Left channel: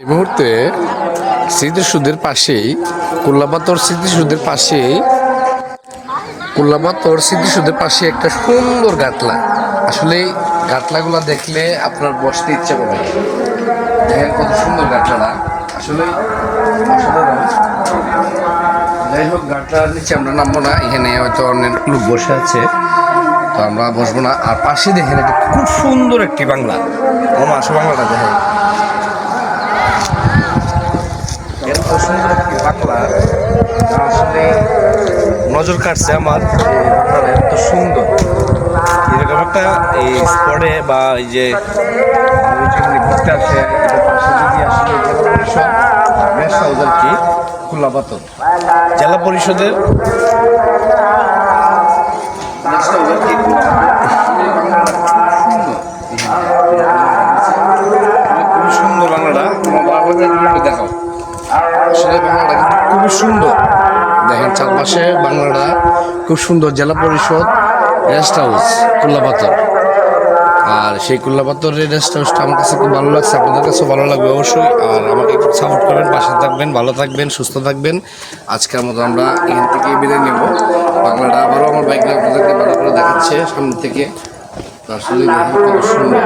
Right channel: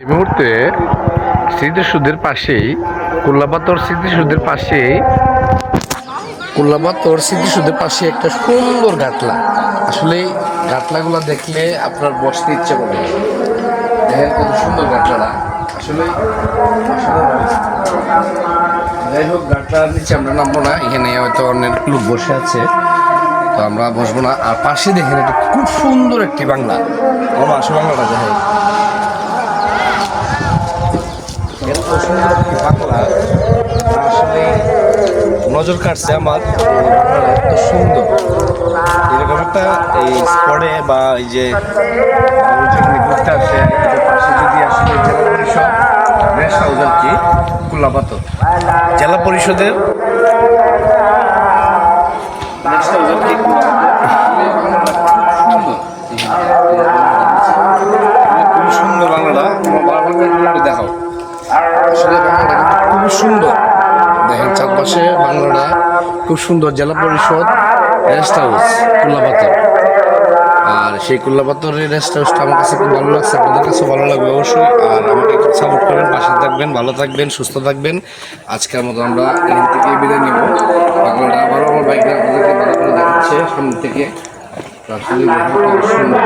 এই মুহূর্তে স্মৃতিসৌধের পাশেই কুল্লাপাতর স্মৃতিসৌধের পাশে একটা সুন্দর গাটলা। আসলে গাটলাগুলা দেখলে আপনার বসতে ইচ্ছে করবে। দেখেন কত সুন্দর গাটলাটা, আসলে অসাধারণ। যাই হোক, গাটলার নিচে আমরা নামবো না, এখানে হয়তো অনেক লোক বসে আছে, তো আমরা বসবো না। আর পাশে দেখেন একটা খুব সুন্দর একটি বাংলা, আমার আসলে বাংলাটা দেখেন এত সুন্দর একটি বাংলা, আসলে নজর কাটছে আমার। এই বাংলাটা এত সুন্দর, এরকম একটা এই স্পটে বা এই যে যেখানে ঘুরতে আসে এটার পাশে যদি আসলে জেলা পরিষদ গেস্ট হাউস আর কি, কুল্লাপাতর জেলা পরিষদের গেস্ট হাউস আর কি কুল্লাপাতর, বাংলাটা সুন্দর, খুবই সুন্দর বাংলাটা। দেখাও, আসলে বাংলাটা কিন্তু খুবই সুন্দর। দেখেন চারপাশে বাংলাটা খুব সুন্দর। জেলা পরিষদ রেস্ট হাউস কুল্লাপাতর, আর সেই কুল্লাপাতরের রেস্ট হাউসটা আমার কাছে খুব ভালো লাগছে, আপনাদের কাছে ভালো লাগবে অবশ্যই। আর আমাকে একটু সাপোর্ট করবেন, পাশে থাকবেন, ভালো থাকবেন, সুস্থ থাকবেন। আজকের মতো আমরা এখান থেকে বিদায় নেব। বাংলাটা আবারও আমার বাইকে আপনাদেরকে ভালো করে দেখাচ্ছে সামনে থেকে। আসলে দেখেন কত সুন্দর।